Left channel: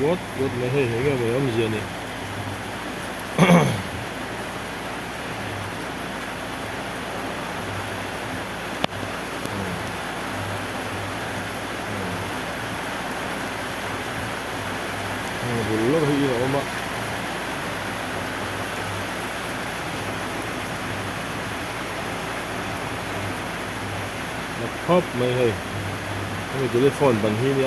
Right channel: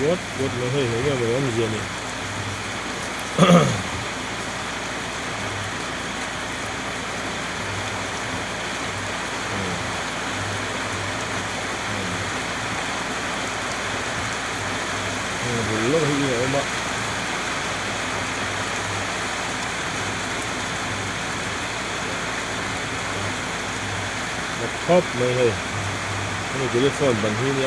quất mới hơi thấy cái em gì này. Bullo hi na uma. Laptop mai hai. Ini telefon ban hi ni.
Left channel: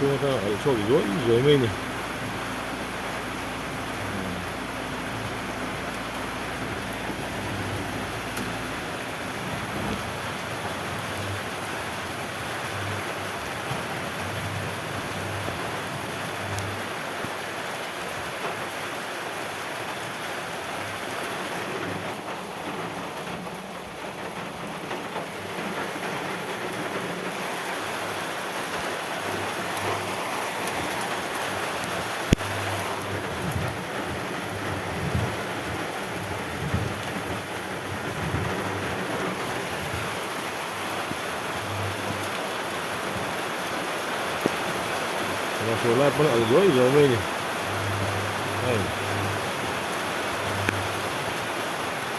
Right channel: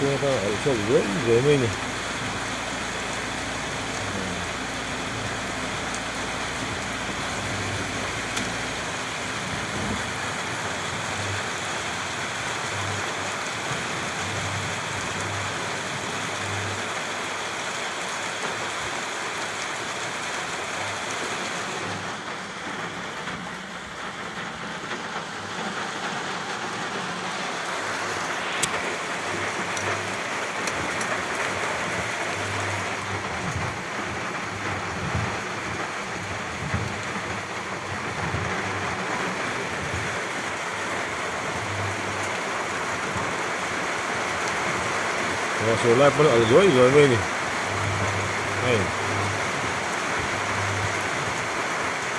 Chua ka al so rồi mai ni. Số lại vẫn ở dưới rồi mấy này. Đây.